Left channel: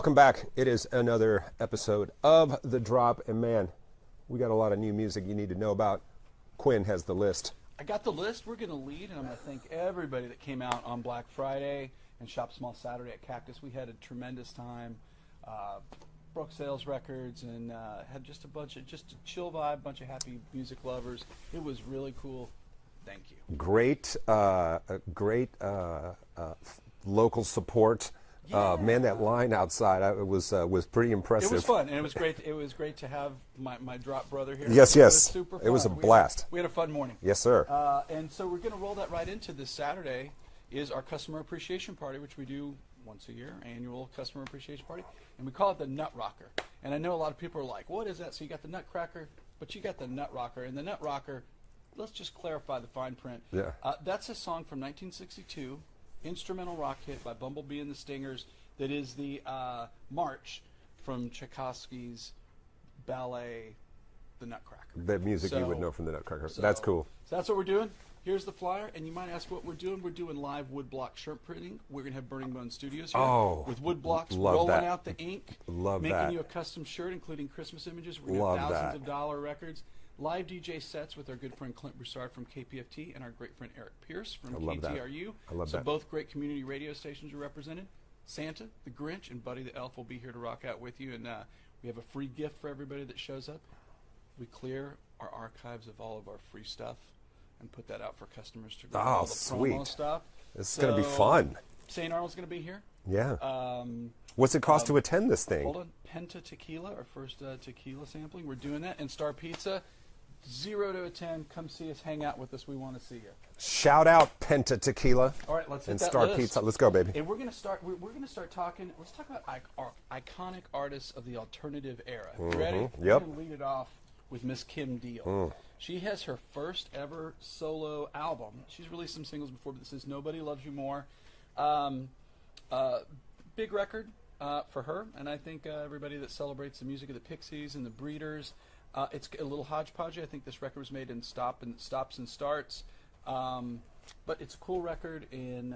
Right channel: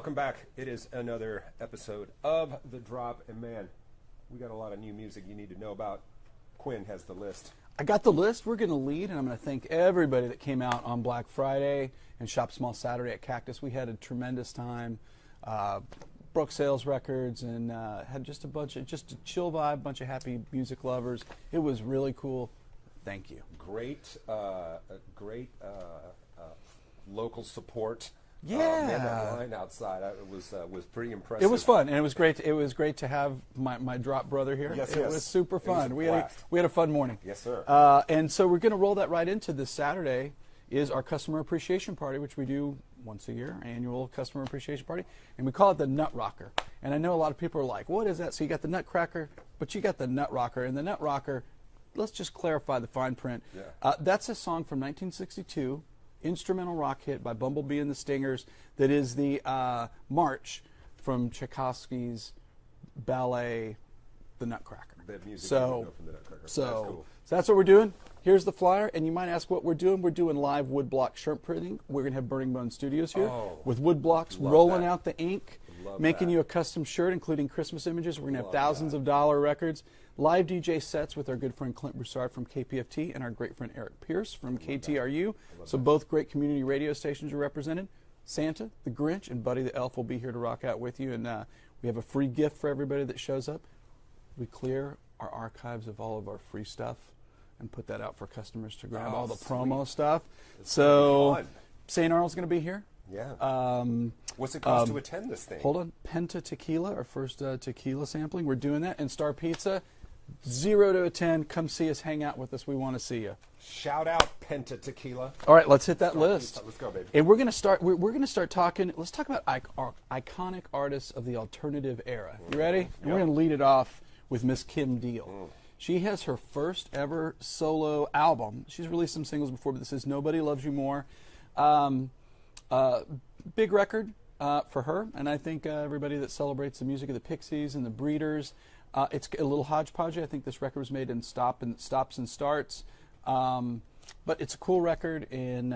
Welcome back. It is another episode of The Drop, and man, we got a lot of new music you need to know about. Quinn has the list. I got the list. We're going to lead, and I'm going to thank everybody that came out on Black Friday and Shop Small Saturday at Cactus. We had a tremendous time. Broke sales records and had just a chill vibe, bunch of happy music lovers. It was really cool. Thank you. Great local support. Yeah. Man, that line outside was pretty impressive. It was fun, and it was great. It was great to have my drop brother here. Yes, It yes. was super fun. It was a blast. We had a fun morning. Yes, sir. And so we're going to roll that right into this Saturday is our customer appreciation party, which we do once a year, annual customer appreciation party, and we call it the Nut Rocker. And I know a lot of people are like, what is that? So you got the Nutcracker, but you got the Nut Rocker. And the Nut Rocker, let's just clarify the fine print. Yeah. That's a song from 1962, instrumental rock hit by Bumblebee and the Stingers, that is the march from Tchaikovsky's ballet, The Nutcracker. That music you would know from the Nutcracker. That's cool. So that's what we're doing. Here's the flyer, and you might ask what we're doing. We're doing live woodblock shirt printing. We're going to have Burning Bone Studios here with wood blocks rolling out the ink, making you a custom shirt, including Christmas images. We're going to have thousands of dollar records. Live DJ sets with our good friend Clint Broussard from KPFT and our great friend Eric Pierce from KTRU. So both great community radio stations are represented. Santa, the Grinch, and Buddy the Elf will be here to rock out with you. And we have a free gift for everybody that shows up. We clear our archives of all of our free stuff and put that out for customers to grab all the promo stuff. It's going to be fun. St. Arnold's going to be here. Yeah. What's it cost to attend this thing? Hold on. Penta Tequila, our first tequila sampling. We're doing that. And Star Pizza, 0 to 10. Come see us. Hang out with us. We want to see you. Shout out Penta Tequila. All right, let's hit that Star list. Pizza. Let's go, baby. And we're going to start. We're going to start talking. Let's talk about our iconic artists of the alternative era. You ready? Yep. We're going to lead it off with Miss Kim Deal. She has her first ever solo album. She's released some singles before, but this is Nobody Loves You More. Big record for her, and I think everybody that celebrates the music of the Pixies and the Breeders, it's a little hodgepodge. I think this record was made in stops and starts, but it's a cool record, and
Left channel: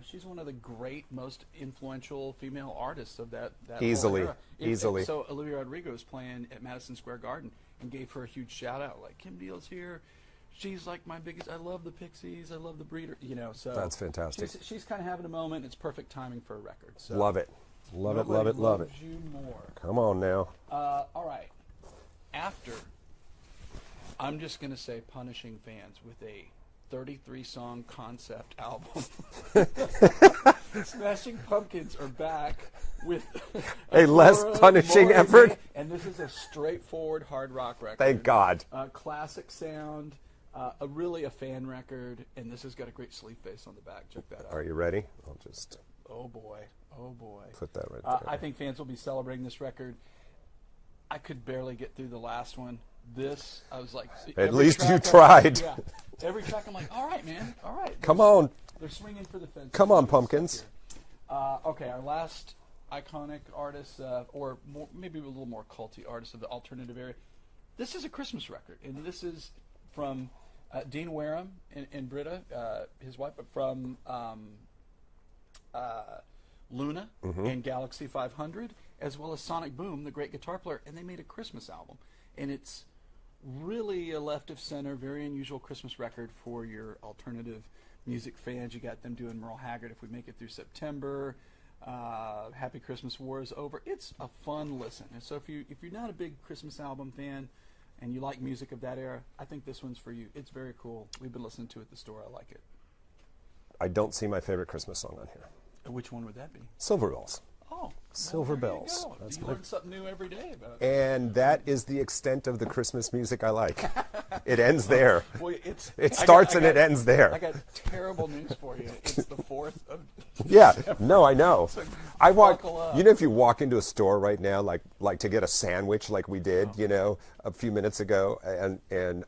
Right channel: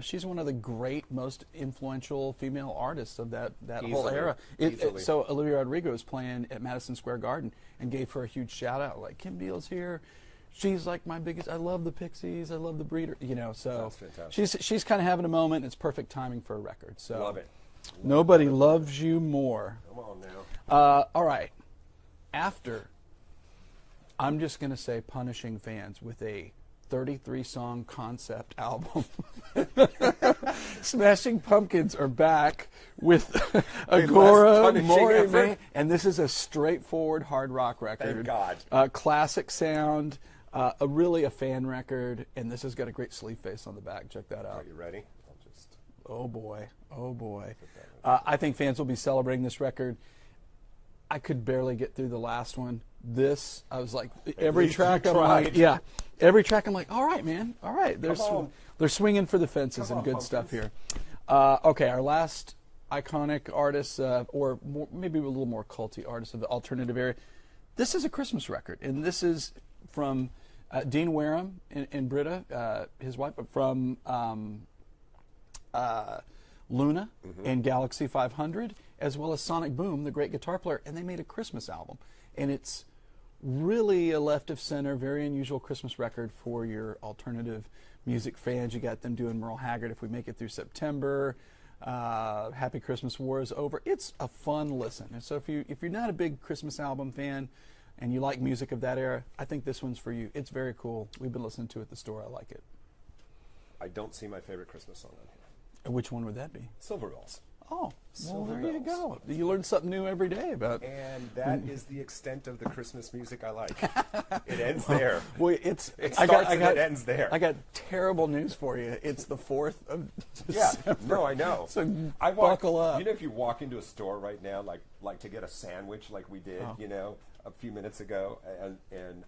she's one of the great, most influential female artists of that whole era. Easily. So Olivia Rodrigo was playing at Madison Square Garden and gave her a huge shout out, like, Kim Deal's here. She's like my biggest. I love the Pixies. I love the Breeder. So that's fantastic. She's kind of having a moment. It's perfect timing for a record. So Love it. Nobody loves you more. Come on now. All right. After, I'm just going to say punishing fans with a 33-song concept album. Smashing Pumpkins are back with a less punishing effort. And this is a straightforward hard rock record. Thank God. Classic sound, really a fan record, and this has got a great sleeve face on the back. Check that out. Are you ready? I'll just... Oh, boy. Put that right there. I think fans will be celebrating this record. I could barely get through the last one. This, I was like... At least you tried. Yeah. Every track, I'm like, all right, man. All right. Come on. They're swinging for the fences. Come on, good Pumpkins. Stuff here. Okay, our last iconic artist, or maybe a little more culty artist of the alternative era. This is a Christmas record, and this is from Dean Wareham and Britta, his wife, from Luna and Galaxy 500, as well as Sonic Boom, the great guitar player, and they made a Christmas album. And it's really a left of center, very unusual Christmas record for your alternative music fans. You got them doing Merle Haggard, If We Make It Through September, Happy Christmas War Is Over. It's a fun listen. And so if you're not a big Christmas album fan and you like music of that era, I think this one's for you. It's very cool. We've been listening to it at the store. I like it. I don't see my favorite Christmas song on here. Which one would that be? Silver Bells. Oh, Silver Bells. There you go. You learn something new every day about. And that is the extent of the Christmas music I like. It ends there. Boy, it starts and it ends there. I got terrible news for you. It's the 4th of Yeah, December. no, I know. So I walk. buckle up. You know, if you walk into a store right now, like to get a sandwich, like we did, a few minutes ago, and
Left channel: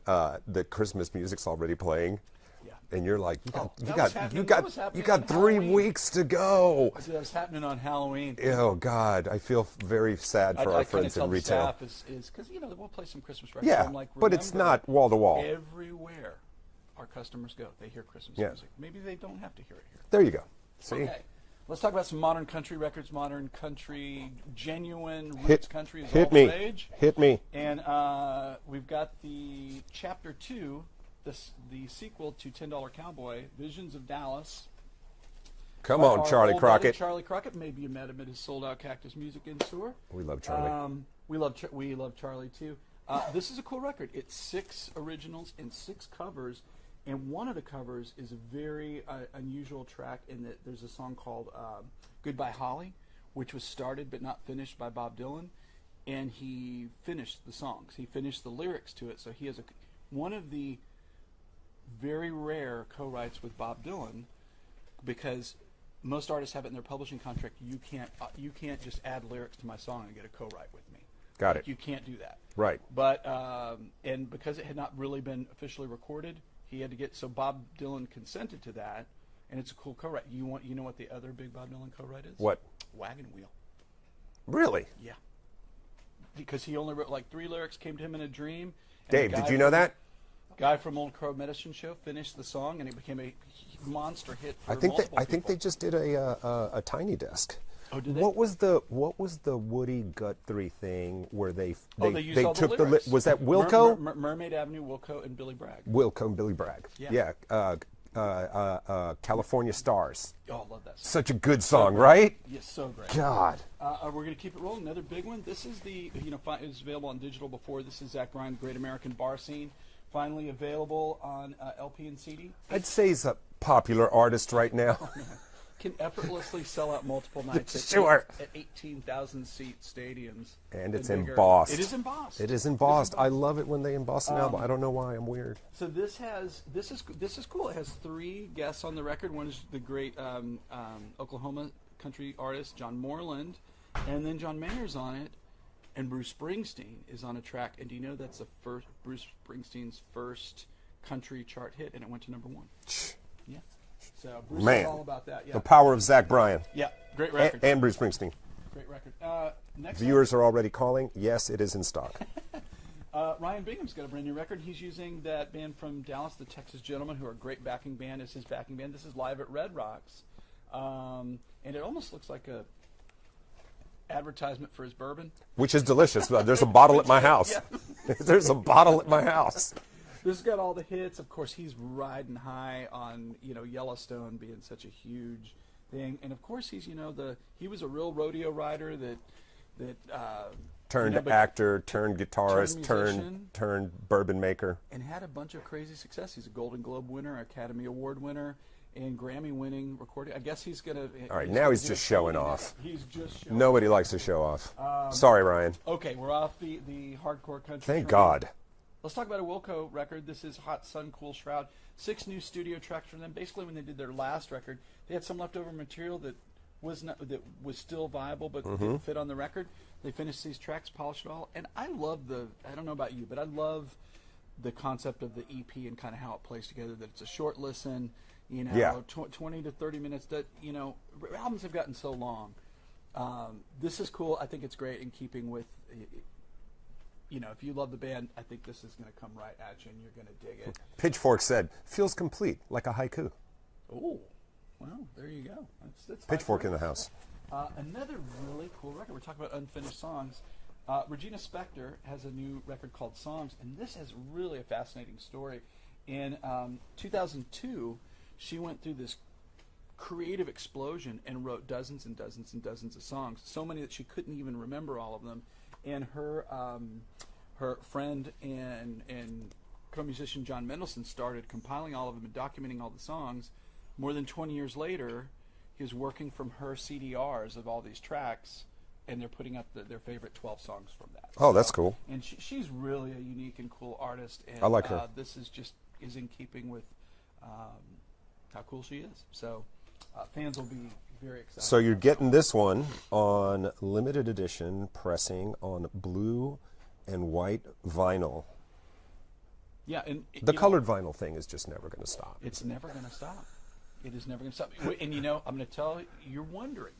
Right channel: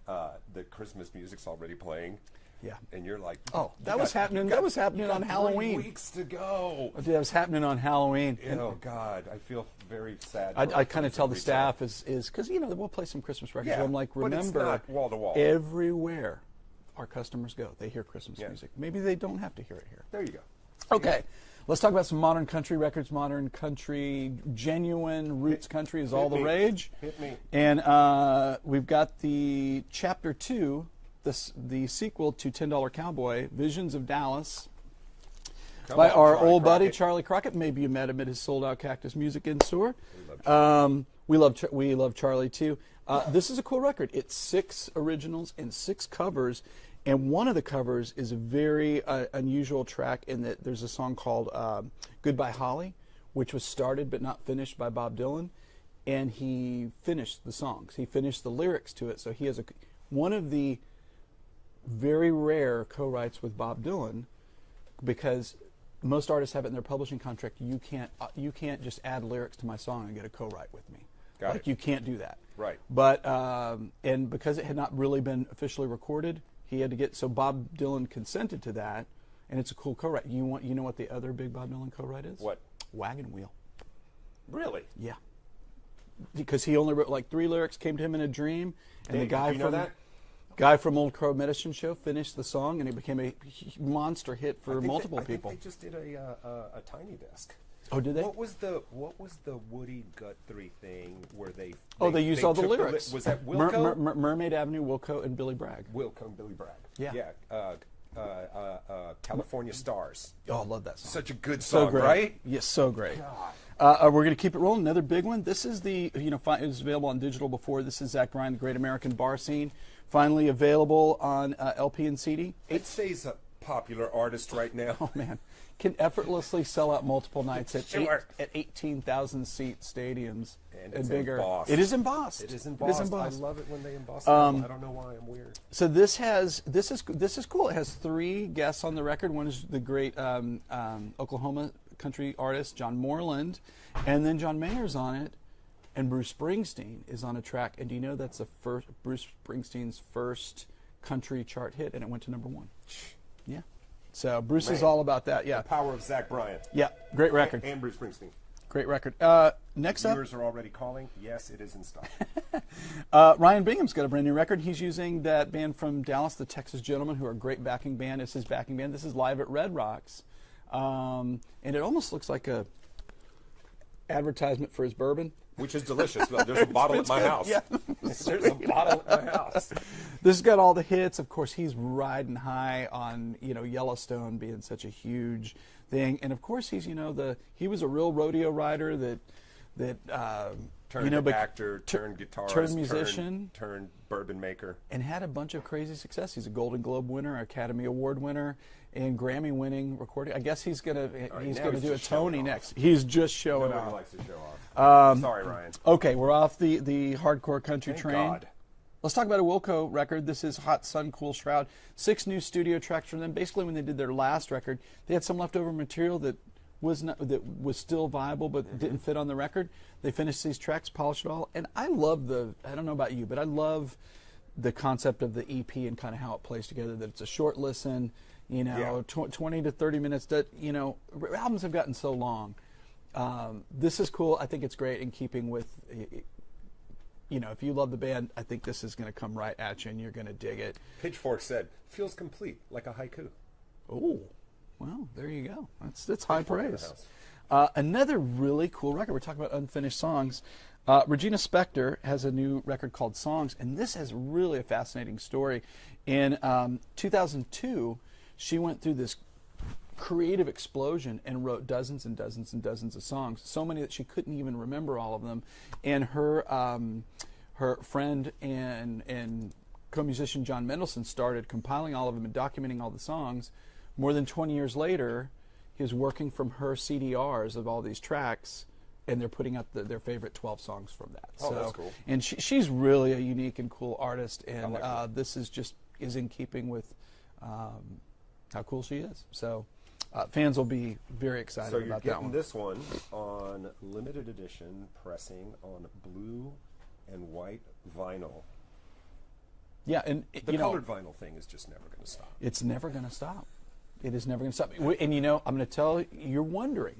the Christmas music's already playing. Yeah. And you're like, that was happening you got on 3 Halloween. weeks to go. That was happening on Halloween. Oh God, I feel very sad for our I kind of friends tell in the retail. staff is because we'll play some Christmas records. Yeah, I'm like, but it's not wall to wall. Everywhere our customers go, they hear Christmas music. Maybe they don't have to hear it here. There you go. See? Okay, Let's talk about some modern country records. Modern country, genuine roots country is all the rage. Hit me. And we've got the Chapter 2, the sequel to $10 Cowboy, Visions of Dallas. Come by on, our Charlie old Crockett. buddy Charlie Crockett. Maybe you met him at his sold-out Cactus Music in store. We love Charlie. We love Charlie too. This is a cool record. It's 6 originals and 6 covers, and one of the covers is a very unusual track in that there's a song called "Goodbye Holly," which was started but not finished by Bob Dylan, and he finished the songs. He finished the lyrics to it, so he has one of the very rare co-writes with Bob Dylan, because most artists have it in their publishing contract. You can't just add lyrics to my song and get a co-write with me. Got it. You can't do that. Right. But and because it had not really been officially recorded, he had to get, so Bob Dylan consented to that, and it's a cool co-write. You know what the other big Bob Dylan co-write is? What? Wagon Wheel. Really? Yeah. Because he only wrote like 3 lyrics, came to him in a dream. Dave, did you know that? Guy from Old Crow Medicine Show finished the song, and it became a monster hit for multiple people. I think they just did a Tiny Desk. Oh, did they? What was the Woody Guthrie thing where they used all the lyrics. Was that Wilco? Mermaid Avenue, Wilco, and Billy Bragg. Wilco and Billy Bragg. Yeah. California Stars. Oh, I love that song. Such a good song, right? Yes, so great. God. We're going to keep it rolling. Another big one. This is it was available on digital before. This is Zach Bryan, The Great American Bar Scene. Finally available on LP and CD. I'd say he's a popular artist right now. Oh, man. Can effortlessly sell out multiple nights at 18,000 seat stadiums. And it's embossed. It is embossed. It is embossed. I love it when they emboss an album. I don't know why. I'm weird. So this is cool. It has 3 guests on the record. One is the great Oklahoma country artist John Moreland, and then John Mayer's on it, and Bruce Springsteen is on a track. And do you know that's Bruce Springsteen's first country chart hit, and it went to #1. Yeah. So Bruce is all about that. Yeah. The power of Zach Bryan. Yeah. Great record. And Bruce Springsteen. Great record. Next Viewers are already calling. Yes, it is in stock. Ryan Bingham's got a brand new record. He's using that band from Dallas, the Texas Gentlemen, who are a great backing band, as his backing band. This is live at Red Rocks. And it almost looks like a advertisement for his bourbon. Which is delicious. There's a bottle at my house. Yeah. There's a bottle at my house. This has got all the hits. Of course, he's riding high on Yellowstone being such a huge thing, and of course he was a real rodeo rider that turned actor, turned guitarist, turned musician, turned bourbon maker, and had a bunch of crazy success. He's a Golden Globe winner, Academy Award winner, and Grammy-winning recording. I guess he's gonna. All right, now he's just showing off. He's just showing. Nobody off. Likes to show off. Sorry, Ryan. Okay, we're off the hardcore country Thank train. God. Let's talk about a Wilco record. This is Hot Sun, Cool Shroud. 6 new studio tracks from them. Basically, when they did their last record, they had some leftover material that was still viable but didn't fit on the record. They finished these tracks, polished it all, and I love I don't know about you, but I love the concept of the EP and kind of how it plays together. That it's a short listen, 20 to 30 minutes. That albums have gotten so long. This is cool. I think it's great in keeping with. If you love the band, I think this is going to come right at you, and you're going to dig it. Pitchfork said, "Feels complete, like a haiku." Ooh, well, there you go. That's high Pitchfork praise. in the house. Another really cool record. We're talking about unfinished songs. Regina Spektor has a new record called Songs, and this has really a fascinating story. In 2002, she went through this creative explosion and wrote dozens and dozens and dozens of songs, so many that she couldn't even remember all of them. And her friend and co-musician John Mendelsohn started compiling all of them and documenting all the songs. More than 20 years later, he was working from her CDRs of all these tracks, and they're putting up their favorite 12 songs from that. Oh, that's cool. And she's really a unique and cool artist, and I like her. This is in keeping with how cool she is. So fans will be very excited. So you're about getting this one on limited edition pressing on blue and white vinyl. Yeah, and the colored vinyl thing is just never going to stop. It's never going to stop. It is never going to stop. And I'm going to tell you, you're wondering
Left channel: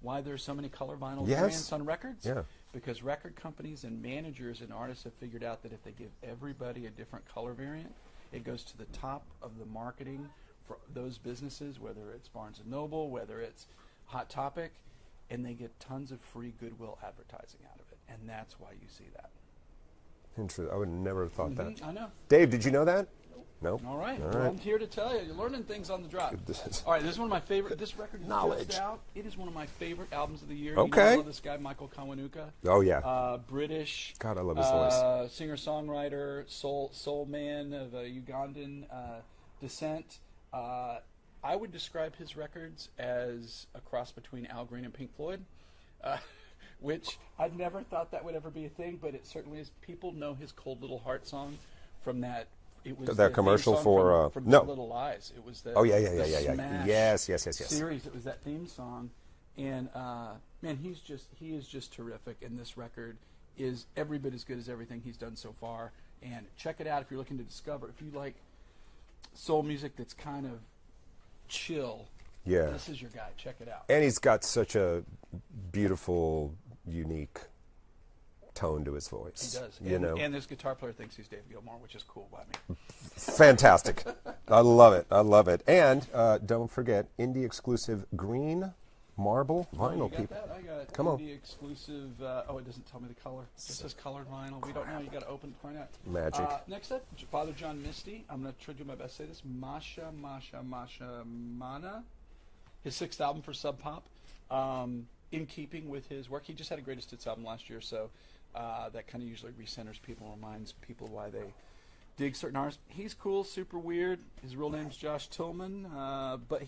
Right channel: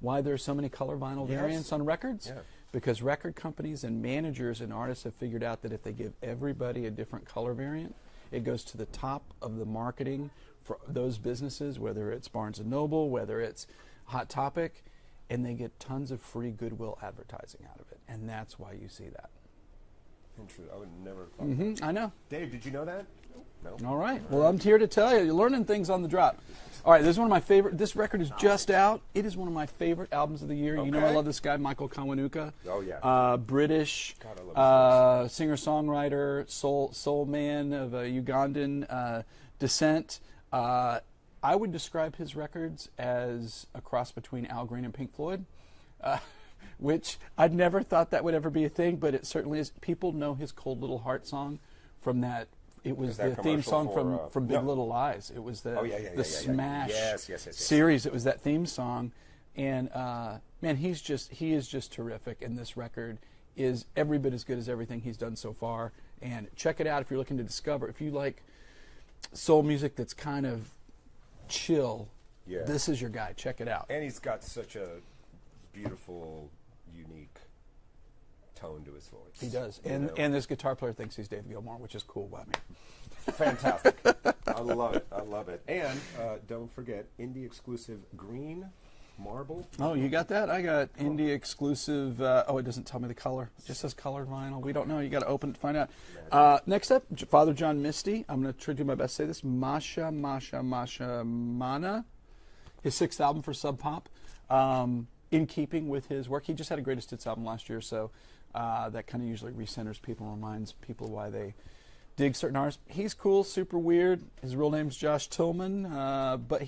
why there's so many color vinyl variants on records. Yeah. Because record companies and managers and artists have figured out that if they give everybody a different color variant, it goes to the top of the marketing for those businesses, whether it's Barnes & Noble, whether it's Hot Topic, and they get tons of free Goodwill advertising out of it, and that's why you see that. Interesting. I would never have thought that. I know. Dave, did you know that? No. All right. Well, I'm here to tell you. You're learning things on the drop. All right. This is one of my favorite. This record is just out. It is one of my favorite albums of the year. Okay. You know I love this guy, Michael Kawanuka. Oh yeah. British. God, I love his voice. Singer-songwriter, soul man of Ugandan descent. I would describe his records as a cross between Al Green and Pink Floyd. Which I'd never thought that would ever be a thing, but it certainly is. People know his "Cold Little Heart" song from that. It was that the commercial theme song from Big Little Lies. It was the Smash series. It was that theme song, and man, he is just terrific. And this record is every bit as good as everything he's done so far. And check it out if you're looking to discover. If you like soul music that's kind of chill, this is your guy. Check it out. And he's got such a beautiful, unique tone to his voice. He does. And this guitar player thinks he's Dave Gilmour, which is cool by me. Fantastic. I love it. I love it. And don't forget, indie exclusive Green Marble. Oh, you got that? I got indie exclusive. It doesn't tell me the color. It just says colored vinyl. We don't know. You got to open it to find out. Magic. Next up, Father John Misty. I'm going to try to do my best to say this. Masha Mana. His 6th album for Sub Pop. In keeping with his work. He just had a Greatest Hits album last year, so that kind of usually recenters people and reminds people why they dig certain artists. He's cool, super weird. His real name's Josh Tillman, but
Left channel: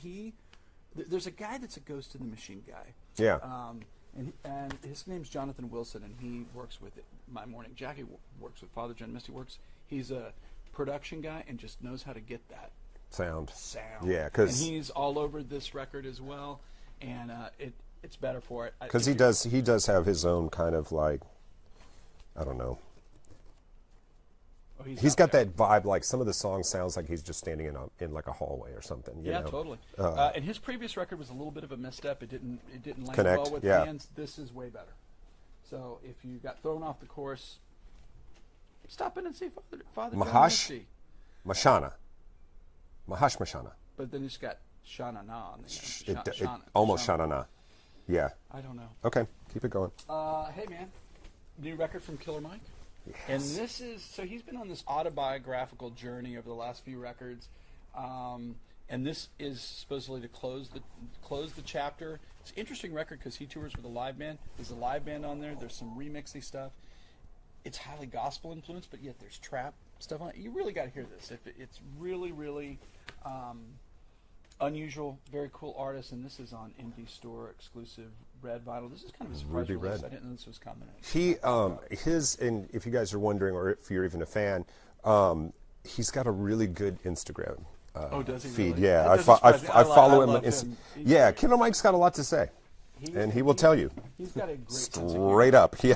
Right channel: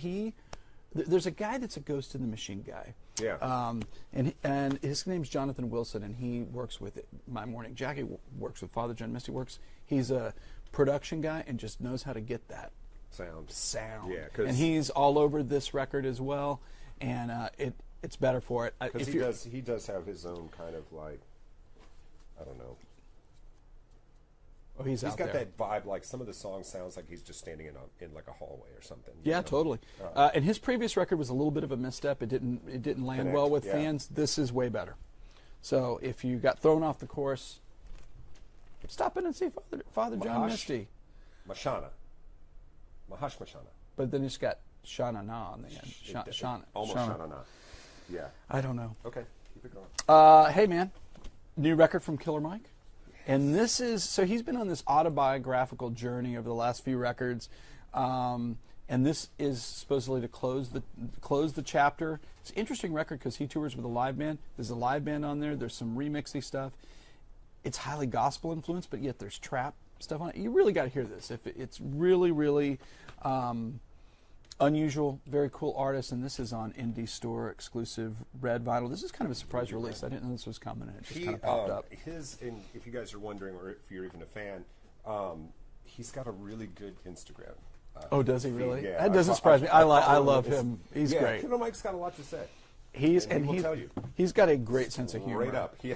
there's a guy that's a Ghost in the Machine guy. Yeah. And his name's Jonathan Wilson, and he works with My Morning Jacket, works with Father John Misty, he's a production guy and just knows how to get that sound. Yeah, and he's all over this record as well, and it's better for it. Because he does have his own kind of like, I don't know. Oh, he's got that vibe, like some of the songs sounds like he's just standing in like a hallway or something. Yeah, totally. And his previous record was a little bit of a misstep. It didn't land well with fans. This is way better. So if you got thrown off the course, stop in and see Father John Misty. Mashana. But then it's got Shana Na on there. Almost Shana Na. Yeah. I don't know. Okay, keep it going. Hey, man. New record from Killer Mike. Yes. And this is, so he's been on this autobiographical journey over the last few records. And this is supposedly to close the chapter. It's an interesting record because he tours with a live band. There's a live band on there. There's some remixy stuff. It's highly gospel influenced, but yet there's trap stuff on it. You really got to hear this. It's really, really unusual, very cool artist, and this is on Indie Store exclusive red vinyl. This is kind of a surprise release. I didn't know this was coming. And if you guys are wondering, or if you're even a fan, he's got a really good Instagram. Does he feed. really? Yeah, I follow him. Love him. He's yeah, great. Killer Mike's got a lot to say. He will tell you. He's got a great sense of humor. Straight up, yeah.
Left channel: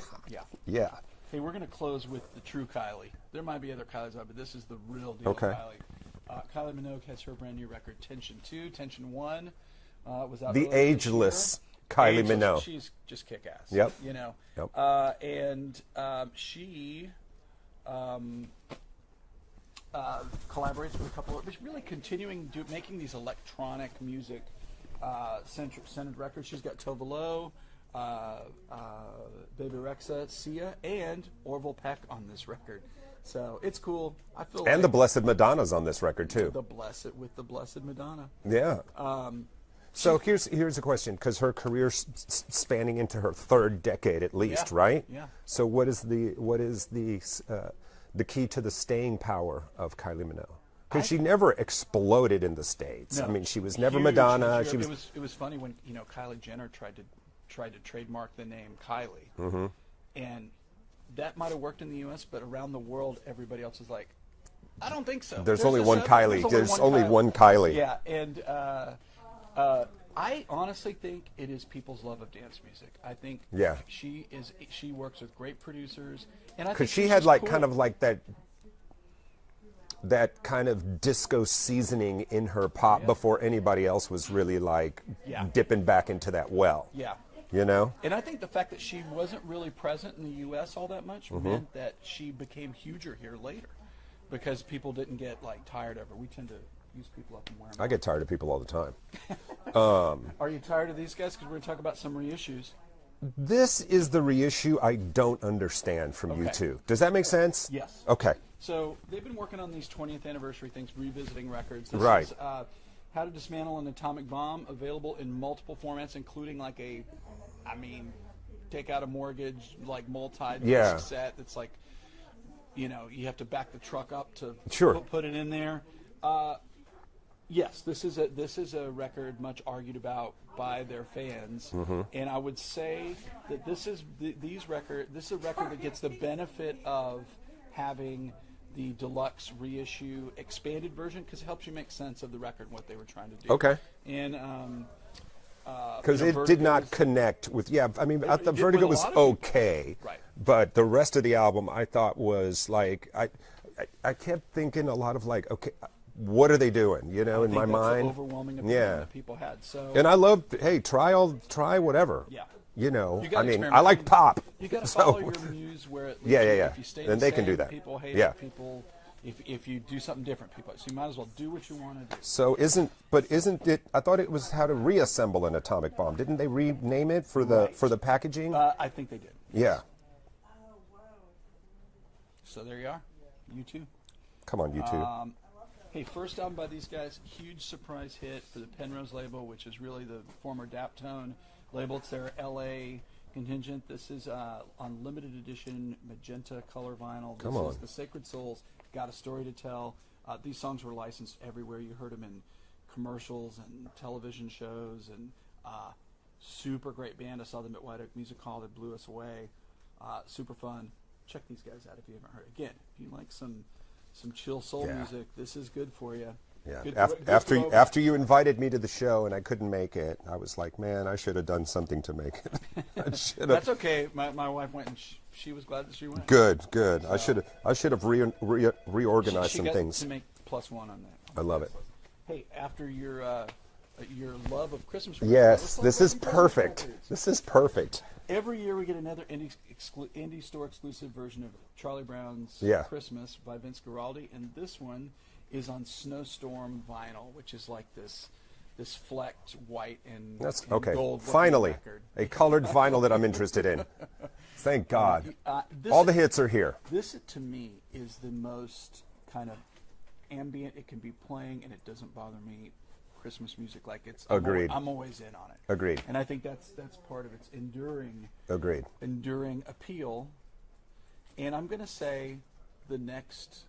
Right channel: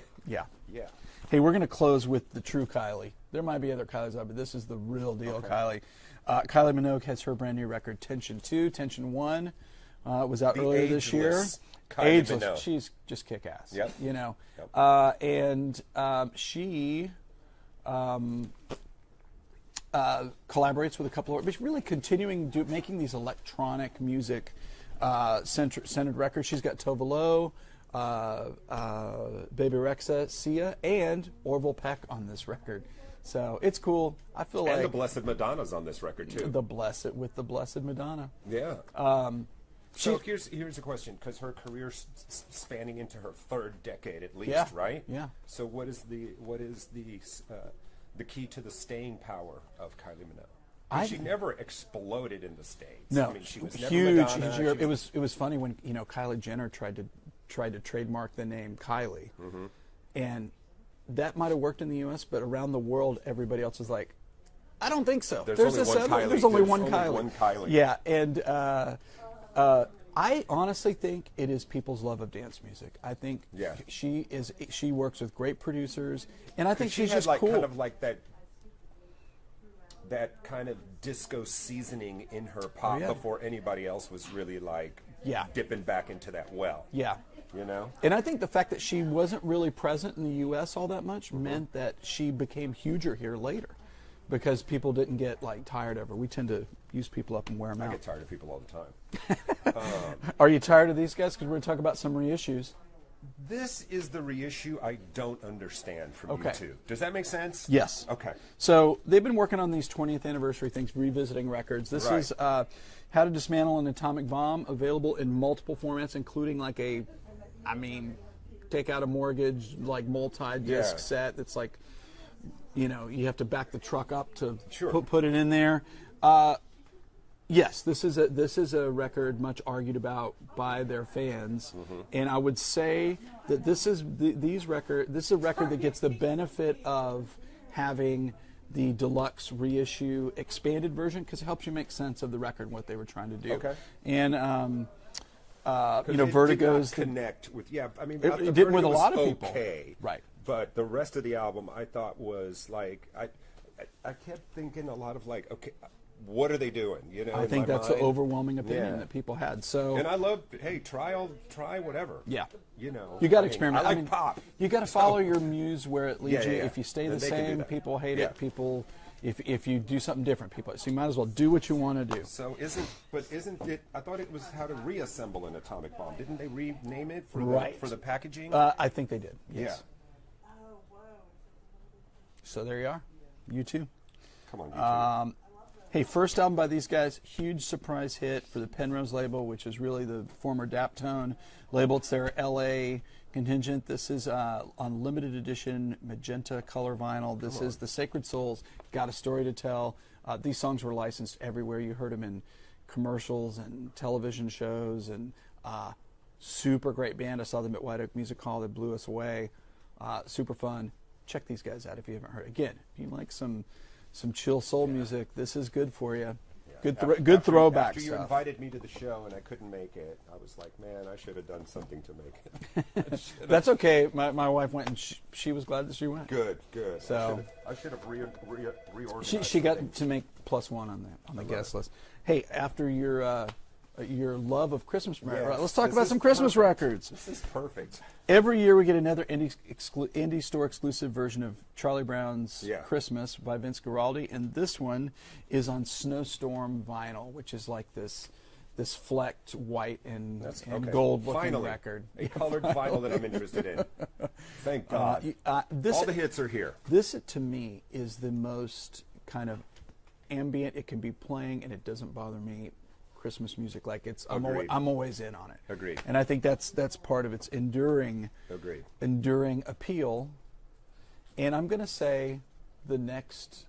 Yeah. Hey, we're going to close with the true Kylie. There might be other Kylies out, but this is the real deal Kylie. Kylie Minogue has her brand new record, Tension 2. Tension 1 was out earlier this year. The ageless Kylie Minogue. She's just kick-ass. Yep. You know. Yep. And she collaborates with a couple of, but really continuing making these electronic music centered records. She's got Tove Lo, Baby Rexha, Sia, and Orville Peck on this record. So it's cool. I feel like the Blessed Madonna's on this record too. The Blessed Madonna. Yeah. So here's a question, because her career's spanning into her 3rd decade at least, right? Yeah. So what is the key to the staying power of Kylie Minogue? Because she never exploded in the States. No, I mean, she was never huge, Madonna. It was funny when Kylie Jenner tried to trademark the name Kylie, and that might have worked in the U.S., but around the world, everybody else is like, I don't think so. There's only one Kylie. There's only one Kylie. Yeah, and I honestly think it is people's love of dance music. I think she works with great producers, and I think she had like cool. kind of like that kind of disco seasoning in her pop before anybody else was really like dipping back into that well. Yeah. You know? And I think the fact that she wasn't really present in the U.S. all that much meant that she became huger here later. because people didn't get like tired of her. We tend to use people up and wear them out. I get tired of people all the time. Are you tired of these guys? Because we're going to talk about some reissues. This is the reissue I don't understand from you two. Does that make sense? Yes. Okay. So they've been working on these 20th anniversary things, revisiting records. This is How to Dismantle an Atomic Bomb, available in multiple formats, including like take out a mortgage, like multi-disc set. It's like, you have to back the truck up to put it in there. Yes, this is a record much argued about by their fans, and I would say that this is a record that gets the benefit of having the deluxe reissue expanded version, because it helps you make sense of the record and what they were trying to do. Okay. And because it did not connect with I the Vertigo was okay, right? But the rest of the album I thought was like I kept thinking a lot of like, okay, what are they doing? In my mind. I think that's an overwhelming opinion that people had. So, and I love, hey, try whatever. Yeah. You got to experiment. I like pop. You got to follow your muse where it leads you. If you stay the same, can do that. People hate it. People, if you do something different, people. So you might as well do what you want to do. So isn't it? I thought it was How to Reassemble an Atomic Bomb. Didn't they rename it for the packaging? I think they did. Yes. Yeah. So there you are. You too. Come on, you too. Hey, first album by these guys, huge surprise hit for the Penrose label, which is really the former Daptone label. It's their LA contingent. This is on limited edition magenta color vinyl. This is The Sacred Souls, Got a Story to Tell. These songs were licensed everywhere. You heard them in commercials and television shows, and super great band. I saw them at White Oak Music Hall. They blew us away. Super fun. Check these guys out if you haven't heard. Again, if you like some chill soul music, this is good for you. Yeah. Good throwback. After you invited me to the show and I couldn't make it, I was like, man, I should have done something to make it. That's okay. My wife went, and she was glad that she went. Good. So I should have reorganized she some got things. to make +1 on the guest list. Hey, after your love of Christmas records, let's talk about some Christmas records. This is perfect. Every year we get another indie store exclusive version of Charlie Brown's Christmas by Vince Guaraldi, and this one is on Snowstorm vinyl, which is like this flecked white and gold finally record. A colored vinyl that I'm interested in. Thank God. All the hits are here. This, to me, is the most kind of ambient it can be playing, and it doesn't bother me. Christmas music, like it's Agreed. I'm always in on it. Agreed. And I think that's part of its enduring appeal. And I'm going to say the next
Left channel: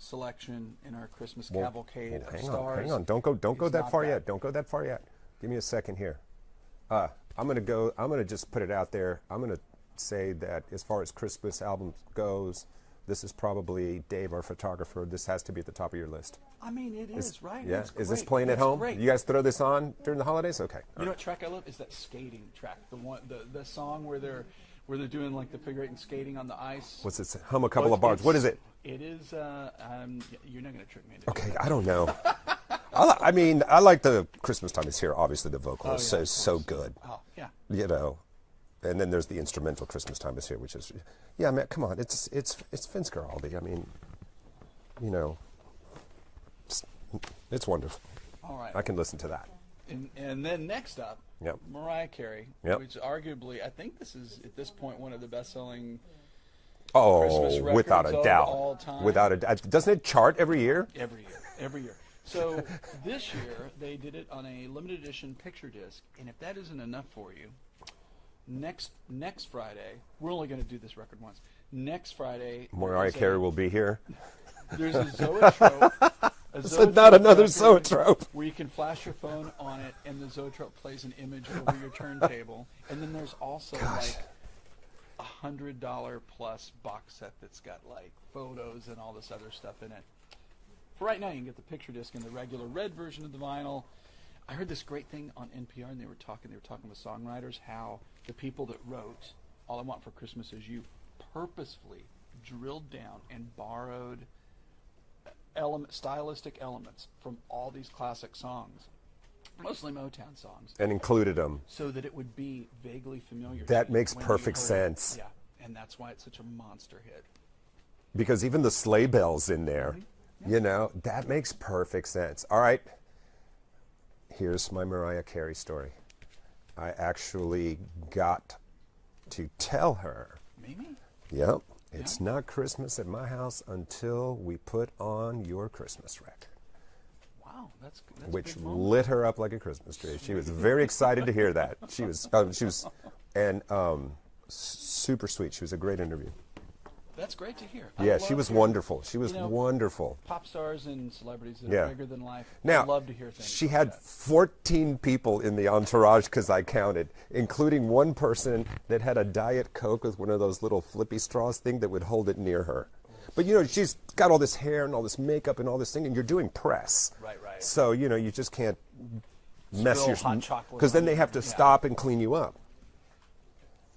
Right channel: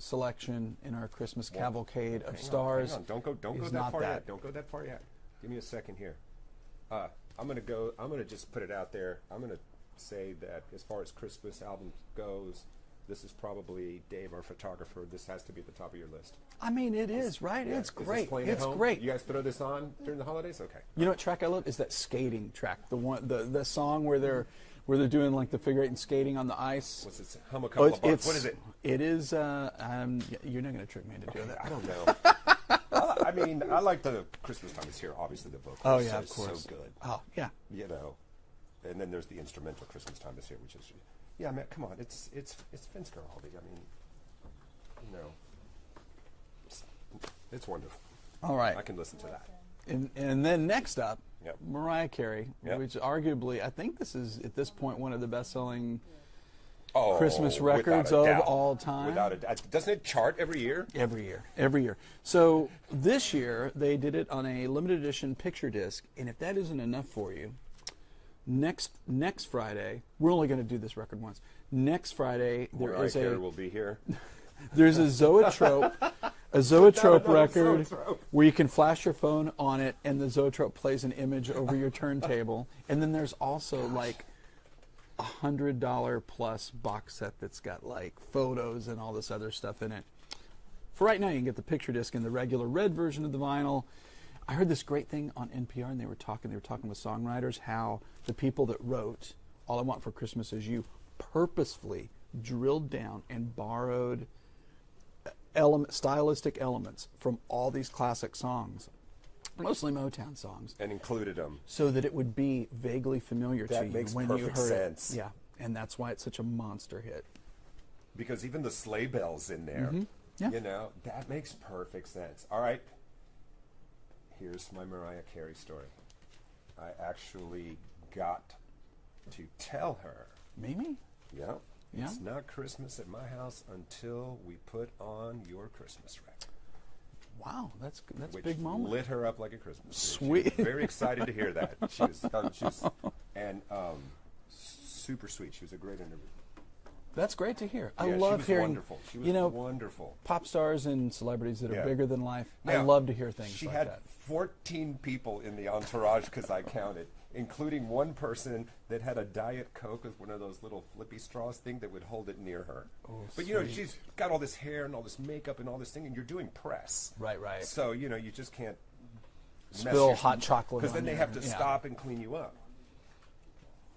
selection in our Christmas cavalcade of stars. Hang on, don't go that far yet. Don't go that far yet. Give me a second here. I'm going to just put it out there. I'm going to say that as far as Christmas albums goes, this is probably, Dave, our photographer, this has to be at the top of your list. I mean, it is, right? Yeah. It's great. Is this playing at home? Great. You guys throw this on during the holidays? Okay. You know what track I love is that skating track. The song where they're doing like the figure eight and skating on the ice. What's it? Hum a couple of bars. What is it? It is. You're not going to trick me into okay, doing that. I don't know. I like the Christmas Time Is Here. Obviously, the vocal is so good. Oh yeah. And then there's the instrumental Christmas Time Is Here, which is, man, come on, it's Vince Guaraldi. I mean, it's wonderful. All right. I can listen to that. And then next up, Mariah Carey, Yep. which arguably, I think this is, at this point, one of the best-selling Oh, Christmas records without a of doubt. all time. Without a doubt. Doesn't it chart every year? Every year. So this year, they did it on a limited edition picture disc, and if that isn't enough for you, next Friday, we're only going to do this record once. Next Friday, Mariah Carey will be here. There's a Zoetrope. Not another Zoetrope. Where you can flash your phone on it, and the Zoetrope plays an image over your turntable. And then there's also like $100 plus box set that's got like photos and all this other stuff in it. For right now, you can get the picture disc in the regular red version of the vinyl. I heard this great thing on NPR, and they were talking with songwriters how the people that wrote "All I Want for Christmas Is You" purposefully drilled down and borrowed stylistic elements from all these classic songs, mostly Motown songs, and included them so that it would be vaguely familiar to you. That makes when perfect you heard sense. it. Yeah, and that's why it's such a monster hit. because even the sleigh bells in there, Yeah. you know, that makes perfect sense. All right, here's my Mariah Carey story. I actually got to tell her. Maybe? Yep. It's not Christmas at my house until we put on your Christmas record. Wow, that's a Which big moment. lit her up like a Christmas tree. Sweet. She was very excited to hear that. She was super sweet. She was a great interview. That's great to hear. Yeah, I love she was hearing, wonderful. She was wonderful. Pop stars and celebrities that are bigger than life. Now, I love to hear things. She like had that. 14 people in the entourage because I counted, including one person that had a Diet Coke with one of those little flippy straws thing that would hold it near her. Oh, but you know, she's got all this hair and all this makeup and all this thing, and you're doing press. Right. So you know, you just can't mess Spill your hot chocolate because then on they you. have to Yeah. stop and clean you up.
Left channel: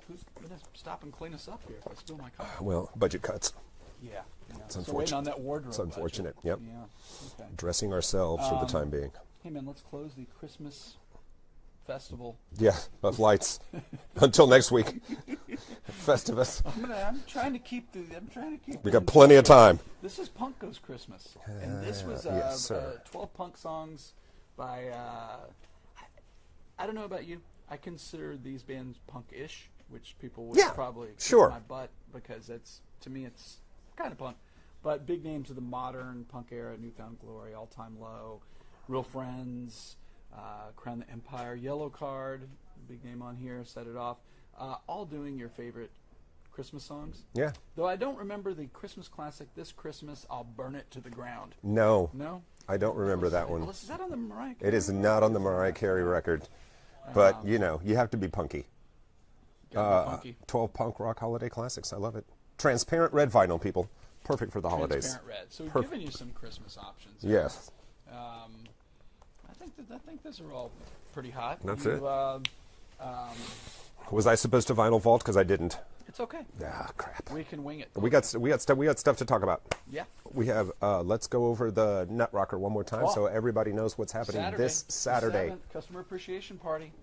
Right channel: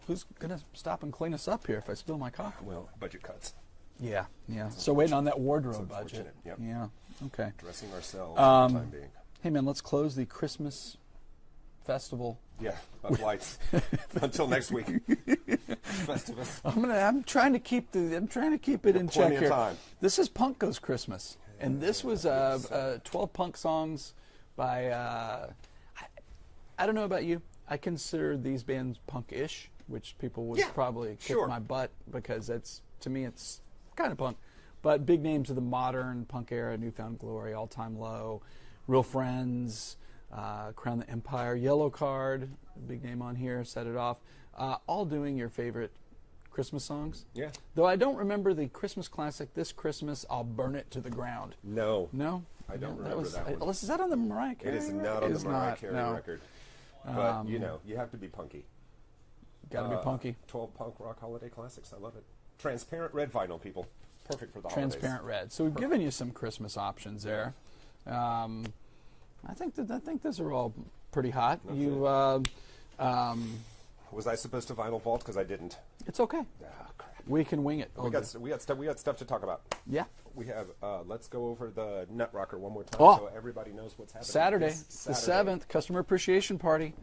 Who's going to stop and clean us up here if I spill my coffee? Well, budget cuts. Yeah. So waiting on that wardrobe. It's unfortunate. Budget. Yep. Yeah. Okay. Dressing ourselves for the time being. Hey man, let's close the Christmas festival. Yeah, of lights. Until next week. Festivus. I'm trying to keep it. We got in plenty check of here. time. This is Punk Goes Christmas, and this was yes, sir. 12 punk songs by. I don't know about you. I consider these bands punk-ish, which people would probably kick my butt because to me it's kind of punk. But big names of the modern punk era: Newfound Glory, All Time Low, Real Friends, Crown the Empire, Yellow Card, big name on here, Set It Off, all doing your favorite Christmas songs. Yeah. Though I don't remember the Christmas classic, This Christmas I'll Burn It to the Ground. No. No? I don't remember that one. Is that on the Mariah Carey? It is not on the Mariah Carey record. But, you know, you have to be punky. Gotta be punky. 12 punk rock holiday classics. I love it. Transparent red vinyl, people. Perfect for the holidays. Transparent red. So we've given you some Christmas options there. Yes. I think those are all pretty hot. That's it. Was I supposed to vinyl vault? Because I didn't. It's okay. Ah, crap. We can wing it. We got stuff to talk about. Yeah. We have. Let's go over the Nut Rocker one more time so everybody knows what's happening this Saturday. The 7th, Customer Appreciation Party.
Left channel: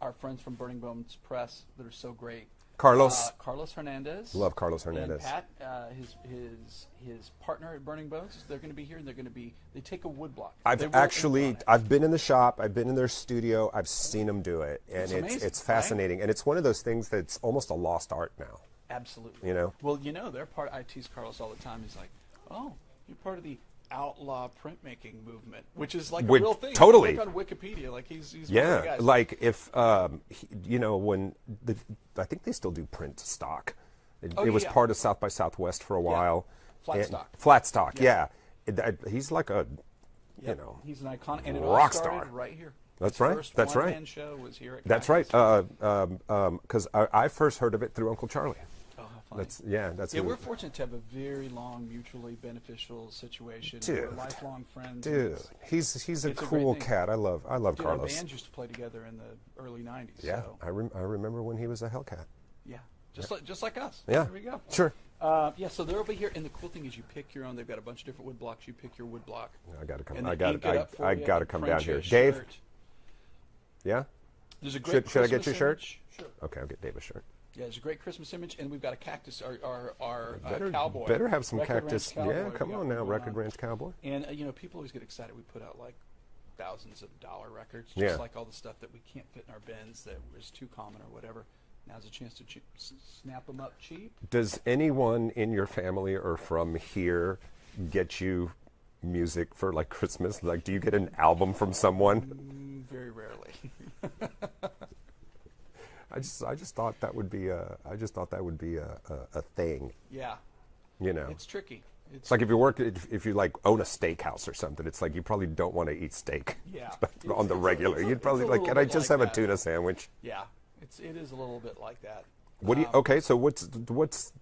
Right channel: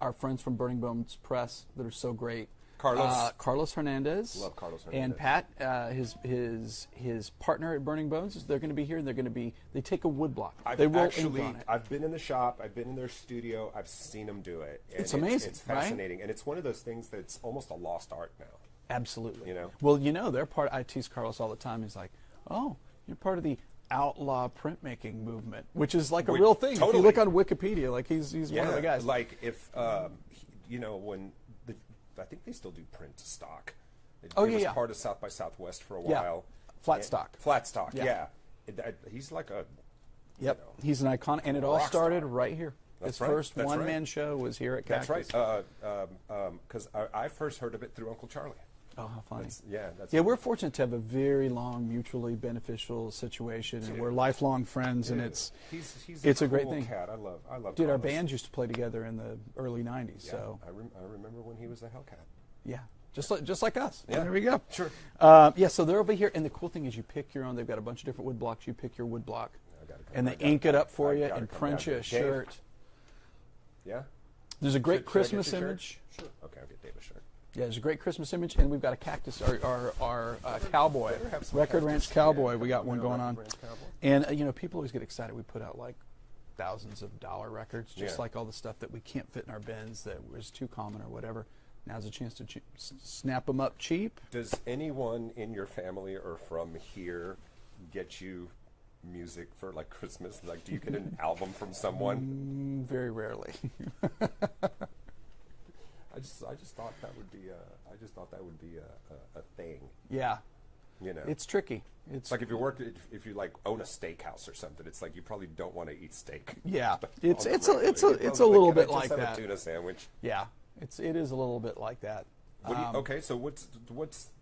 Our friends from Burning Bones Press that are so great. Carlos Hernandez. Love Carlos Hernandez. And Pat, his partner at Burning Bones, they're going to be here, and they take a wood block. I've been in the shop, I've been in their studio, I've seen them do it. And it's amazing. It's fascinating. Right? And it's one of those things that's almost a lost art now. Absolutely. You know? Well, you know, they're part. I tease Carlos all the time. He's like, "Oh, you're part of the outlaw printmaking movement," which is like a real thing. Totally. If you look on Wikipedia, like he's one of the guys. Like if you know, when I think they still do print stock. It was part of South by Southwest for a while. Flat stock. Yeah. He's like a you know, he's an icon, and it all rock started star. right here. That's His right. First That's one-man right. show was here at That's Cactus. right. Because I first heard of it through Uncle Charlie. Oh, how funny. That's we're fortunate to have a very long, mutually beneficial situation. Dude. And we're lifelong friends. Dude, and he's it's a a great cool thing. cat. I love Dude, Carlos. our bands used to play together in the early '90s. Yeah, so. I remember when he was a Hellcat. Yeah, just like us. Yeah. There we go. Sure. So they're over here, and the cool thing is you pick your own. They've got a bunch of different wood blocks. You pick your wood block. I got to come. And they ink it up for you. I got to and come print down you here. a Dave. shirt. Yeah. There's a great Should I Christmas get your image. shirt? Sure. Okay, I'll get Dave a shirt. Yeah, there's a great Christmas image, and we've got a Cactus, our cowboy. Better have some Record Cactus. Ranch Cowboy. Yeah, we got come one on now, going Record on. Ranch Cowboy. And you know, people always get excited. We put out like thousands of dollar records, just like all the stuff that we can't fit in our bins that was too common or whatever. Now's a chance to snap them up cheap. Does anyone in your family or from here get you music for like Christmas? Like, do you get an album from someone? Very rarely. I just thought that would be a thing. Yeah. You know, It's tricky. It's like if you like own a steakhouse or something, it's like you probably don't want to eat steak. Yeah. On the regular. It's a You're little can I bit just like have that. a tuna sandwich? Yeah. It is a little bit like that. What do you? Okay, so what's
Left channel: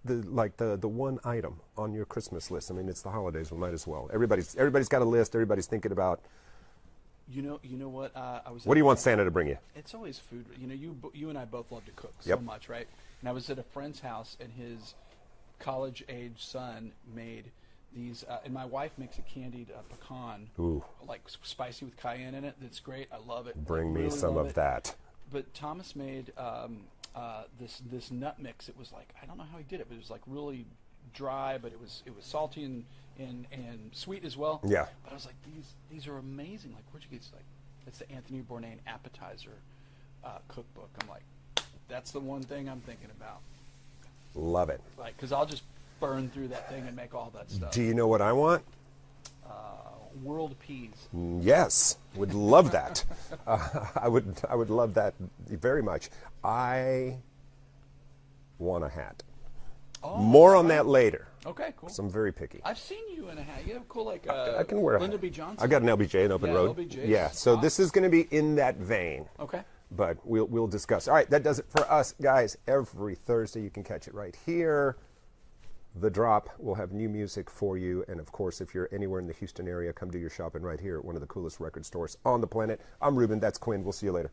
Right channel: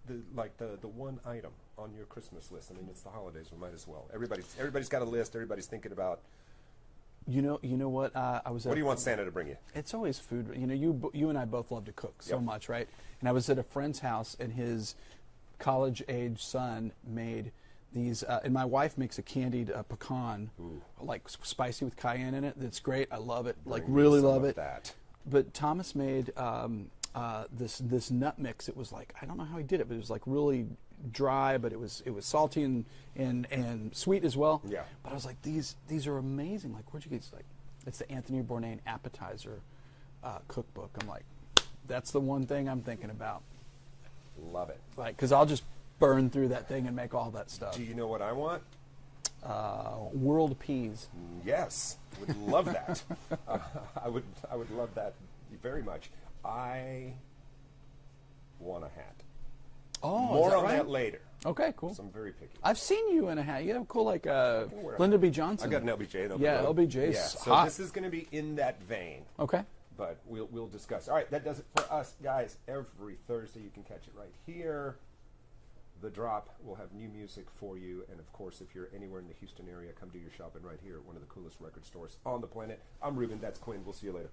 the one item on your Christmas list? I mean, it's the holidays. We might as well. Everybody's got a list. Everybody's thinking about. You know what? I was. What do you want Santa to bring you? It's always food. You know, you and I both love to cook so much, right? And I was at a friend's house, and his college-age son made these. And my wife makes a candied pecan, like spicy with cayenne in it. That's great. I love it. Bring really me some love of it. that. But Thomas made this nut mix. It was like, I don't know how he did it, but it was like really dry, but it was salty and sweet as well. Yeah. But I was like, these are amazing. Like, where'd you get? It's like, it's the Anthony Bourdain appetizer cookbook. I'm like, that's the one thing I'm thinking about. Love it. Like, because I'll just burn through that thing and make all that stuff. Do you know what I want? World peas. Yes, would love that. I would love that very much. I want a hat. Oh, more on that later. Okay, cool. So I'm very picky. I've seen you in a hat. You have cool, like I can wear a Lyndon hat. B. Johnson. I got an LBJ, an open road. LBJ. Yeah, so hot. this is going to be in that vein. Okay. But we'll discuss. All right, that does it for us, guys. Every Thursday you can catch it right here. The Drop will have new music for you. And, of course, if you're anywhere in the Houston area, come do your shopping right here at one of the coolest record stores on the planet. I'm Ruben. That's Quinn. We'll see you later.